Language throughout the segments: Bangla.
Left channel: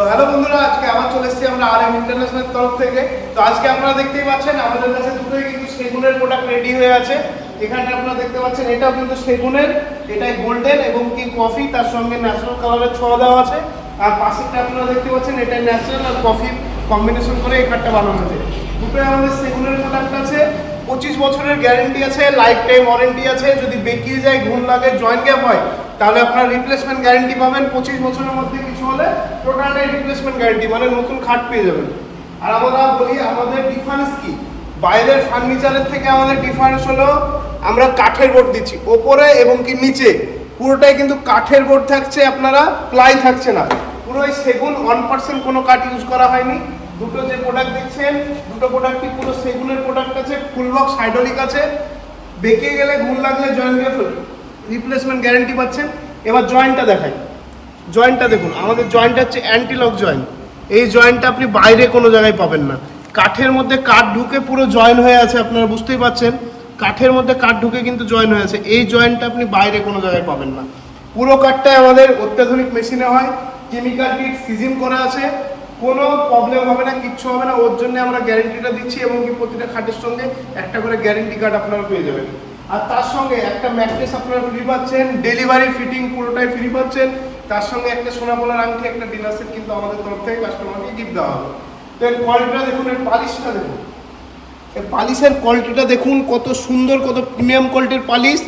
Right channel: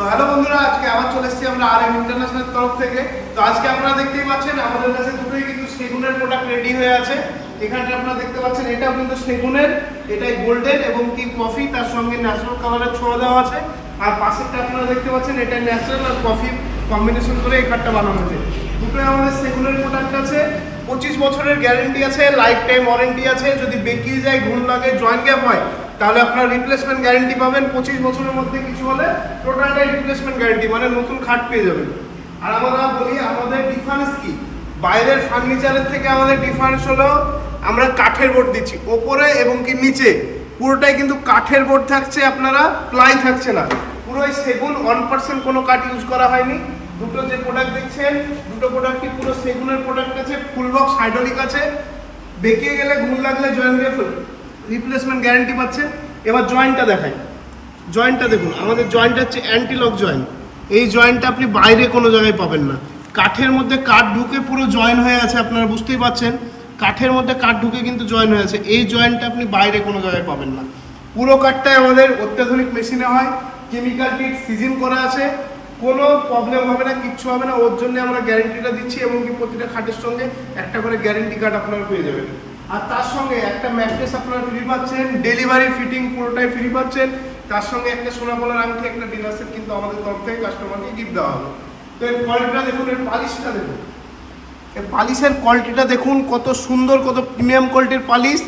তো হ্যালো বন্ধুরা, আজকে আবার চলে এসেছি আমরা RM ইন্টারন্যাশনাল তরফ থেকে। তো আজকে আপনারা দেখতেই পাচ্ছেন আমাদের কাছে দুটোই কিন্তু সেগুনের প্রোডাক্ট রেডি হয়ে আছে। এখানটা আপনারা দেখতে পাচ্ছেন এটাও কিন্তু সেগুনের, এটাই গোল্ডেন এবং কি কফি, তার সঙ্গে ন্যাচারাল কালারের ছোঁয়া দেওয়া আছে। আর পাশেরটা আপনারা দেখতে পাচ্ছেন এটা ন্যাচারাল আর কফি কম্বিনেশন করে এই খাটটা বানানো হয়েছে। দুটোই আমাদের সেগুনের প্রোডাক্ট আছে, 25 বছরের গ্যারেন্টি আছে, লাইফ টাইম ওয়ারেন্টি আছে। যদি বেঁকিয়ে যায়, ঘুণ লাগে, জয়েন্ট গ্যাপ হয়, তাহলে আপনারা রিপ্লেসমেন্ট গ্যারেন্টি পাবেন। 25 বছরের মধ্যে কিছু হলে টোটালটাই রিপ্লেসমেন্ট গ্যারেন্টি, মানে নতুন খাট পেয়ে যাবেন। আর আমরা বলি আমাদের ডিফারেন্স কি, বাইরের ফার্নিচারের থেকে আমাদের ডিফারেন্স হলো আমরা কাঠের বোর্ড দিচ্ছি ওপরে এবং কি নিচে, পুরোটাই কিন্তু কাঠের বোর্ড থাকছে, আপনারা প্লাই থাকছে না, পুরোই সেগুন, 1% কোনো কাঠ ইউজ করা হয়নি। দুটো যে প্রোডাক্ট দেখছেন, দুটো প্রোডাক্টই পুরো সেগুনের প্রোডাক্ট আছে, ফুল বক্স হাইড্রোলিক আছে। বেঁকে গেলে, ঘুণ লাগলে, জয়েন্ট গ্যাপ রিপ্লেসমেন্ট গ্যারেন্টি পাচ্ছেন। এবার জয়েন্টটা দেখাই, জয়েন্টটা দেখুন, আমাদের জয়েন্টটা হচ্ছে অ্যান্টিলক জয়েন্ট। এই জয়েন্টটা আপনি বাইরে কোনো জায়গায় পাবেন না। কাঠের মধ্যে কাঠ ঢুকে পুরো জয়েন হয়ে আছে, আপনারা বুঝতেই পারছেন, কাঠের মধ্যে কাঠ ঢুকে কিন্তু জয়েন হয়ে আছে। এই জয়েন্টটা আপনি বাইরে কোনো জায়গায় পাবেন না। পুরো কাঠটাই আমাদের অত্যাধুনিক মেশিনে হয়, কেমিক্যাল কিট সিজন করা আছে, কোনো প্রবলেম হবে না, কিচ্ছু হবে না। ওর জন্য আমরা গ্যারেন্টিটা দিচ্ছি এবং কি প্রতিটা খাটের সঙ্গে একটা করে গ্যারেন্টি কার্ড আপনারা পেয়ে যাবেন। আর তার সঙ্গে একটা ম্যাট্রেস আপনারা ফ্রি পাচ্ছেন, ডেলিভারি ফিটিং পুরোটাই ফ্রি পাচ্ছেন। তার সঙ্গে একটা সোনামোলার আংটি, একটা ডিনার সেট কিন্তু আমাদের তরফ থেকে কাস্টমারকে গিফট দেওয়া হবে। তো এর কোয়ালিটিটা দেখুন, এর পালিশটা দেখুন, এই পালিশের কোয়ালিটিটা দেখুন, কত সুন্দর, কত প্রিমিয়াম কোয়ালিটির পালিশ।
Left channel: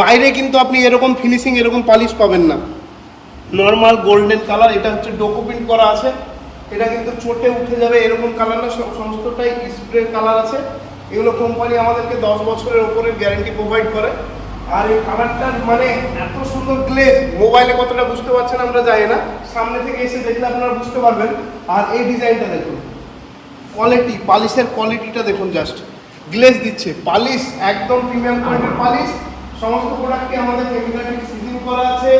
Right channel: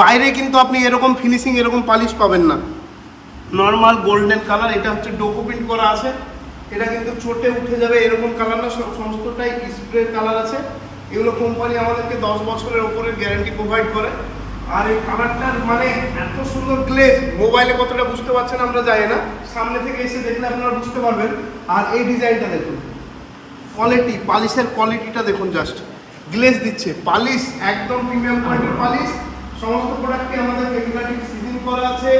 বাইরে কিন্তু আপনি এরকম ফিনিশিং, এরকম পালিশ পাবেন না। নর্মাল গোল্ডেন কালার, এটা হচ্ছে ডোকো প্রিন্ট করা আছে, এটা কিন্তু চোটে উঠে যাবে এরকম কালার না, সমস্তটাই স্প্রে কালার আছে। এগুলো কোম্পানি আমাদেরকে 10 বছরের ওপরে গ্যারেন্টি প্রোভাইড করে। আর এই কালারটার মানে এত সুন্দর গ্লেজ, মোবাইলে কতটা বুঝতে পারছেন আমরা জানি না, সামনে থেকে এসে দেখলে আপনারা বুঝতে পারবেন। আর এই ডিজাইনটা দেখুন, কোয়ালিটি, পালিশের কোয়ালিটিটা দেখুন, জাস্ট গ্লেজ দিচ্ছে, পালিশ একদম প্রিমিয়াম কোয়ালিটির পালিশ। সমস্ত প্রোডাক্টই আমাদের কেমিক্যাল কিট সিজন করা আছে,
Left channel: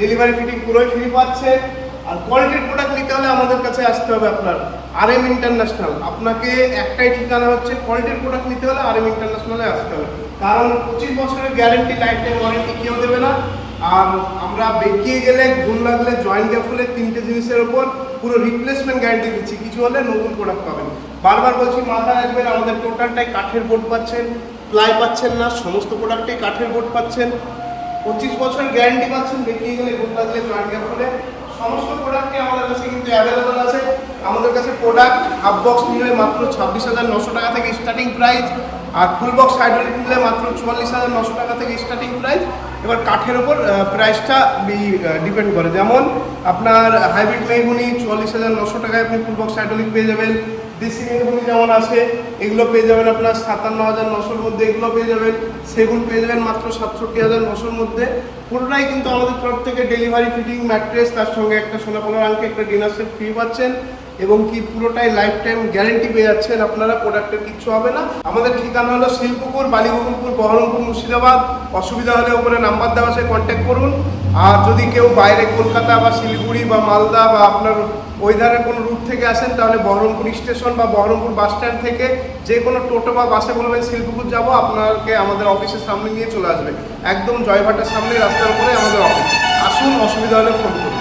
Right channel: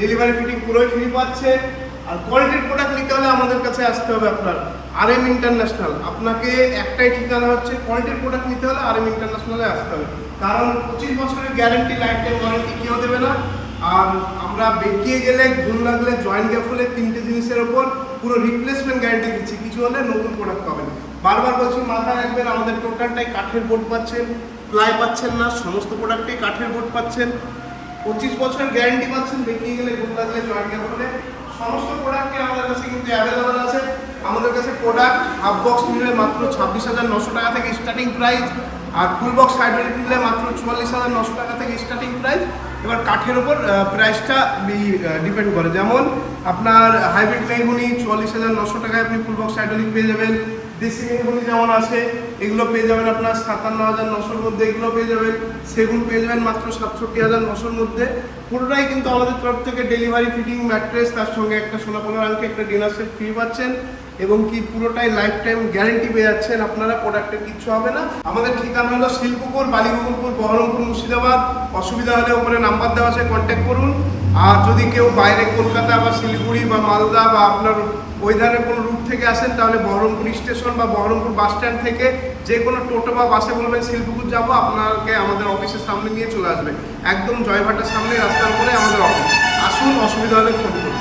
ডেলিভারি ফিটিং পুরোই ফ্রি পাচ্ছেন। আর কোয়ালিটির প্রোডাক্ট নিতে হলে আমাদের কাছে আসতে হবে আপনার RM ইন্টারন্যাশনাল। আপনাকে একটাই ঠিকানা হচ্ছে, কোয়ালিটির প্রোডাক্ট নিতে হলে RM ইন্টারন্যাশনালে আসতে হবে, কারণ 25 বছরের গ্যারেন্টি, লাইফ টাইম ওয়ারেন্টি কেউ দেবে না। আর আমরা বেঁকিয়ে গেলে, ঘুণ লাগলে, জয়েন্ট গ্যাপ হলে, তিনটে জিনিসের ওপর পুরো রিপ্লেসমেন্ট গ্যারেন্টি দিচ্ছি। কিছু হলে নতুন প্রোডাক্ট পাবেন। বারবার বলছি, মাথায় রাখবেন, আমাদের টোটালটাই কাঠের বোর্ড পাচ্ছেন, প্লাই পাচ্ছেন না, সমস্ত প্রোডাক্টেই কাঠের বোর্ড পাচ্ছেন। 25 বছরের গ্যারেন্টি পাচ্ছেন, বেঁকিয়ে গেলে, ঘুণ লাগলে, জয়েন্ট গ্যাপ হলে, সমস্ত প্রোডাক্টই আমাদের কাছে কিন্তু অ্যাভেলেবেল আছে। আমাদের কাছে প্রোডাক্ট হাফ বক্স নিলে মাত্র 26,900 টাকা থেকে স্টার্টিং প্রাইস, আর ফুল বক্স হাইড্রোলিক নিলে মাত্র 44,900 টাকা থেকে স্টার্টিং প্রাইস। এবার কাঠের ওপর প্রাইসটা ডিপেন্ড করে, যেমন আপনার হাইব্রিড মেহগুনি 44,900 টাকায় আপনি ফুল বক্স হাইড্রোলিক পেয়ে যাবেন। দেশি মেহগুনি যেমন আছে, এগুলো পেয়ে যাবেন আপনার 57,900-র মধ্যে, এগুলো পেয়ে যাবেন। সেগুন পেয়ে যাবেন মাত্র 67,900-র মধ্যে। পুরোটাই কিন্তু আমাদের তরফ থেকে ডেলিভারি ফিটিং, ম্যাট্রেস, তার সঙ্গে একটা সোনাপোলার আংটি, একটা ডিনার সেট ফ্রি পাচ্ছেন এবং কি পুরোটাই লাইফ টাইম গ্যারেন্টি পেয়ে যাচ্ছেন আপনারা, প্রোডাক্টের কিচ্ছু হবে না। আমাদের ঠিকানা হলো শিল্পপুর, বালিগোকুলপুর, বহরমপুর, মুর্শিদাবাদ। অসুবিধা হলে উপরে নাম্বার দেওয়া আছে, কন্ট্যাক্ট করুন। আর যদি কেউ বাইরে কলকাতা বা শিলিগুড়ি বা মালদা বা আপনার ওই ধরনের কোনো রুট থেকে আসেন, তাহলে বহরমপুর স্টেশন বা বহরমপুর বাস স্ট্যান্ড থেকে যে কোনো টোটো বা বাসে বলবেন শিল্পপুর যাব, আপনাকে আমাদের অফিসের সামনে নিয়ে চলে আসবে। একদম জয়ভাটার সামনে রাস্তার উপরে আমাদের অফিস। আসুন, অসুবিধা হলে ফোন করুন।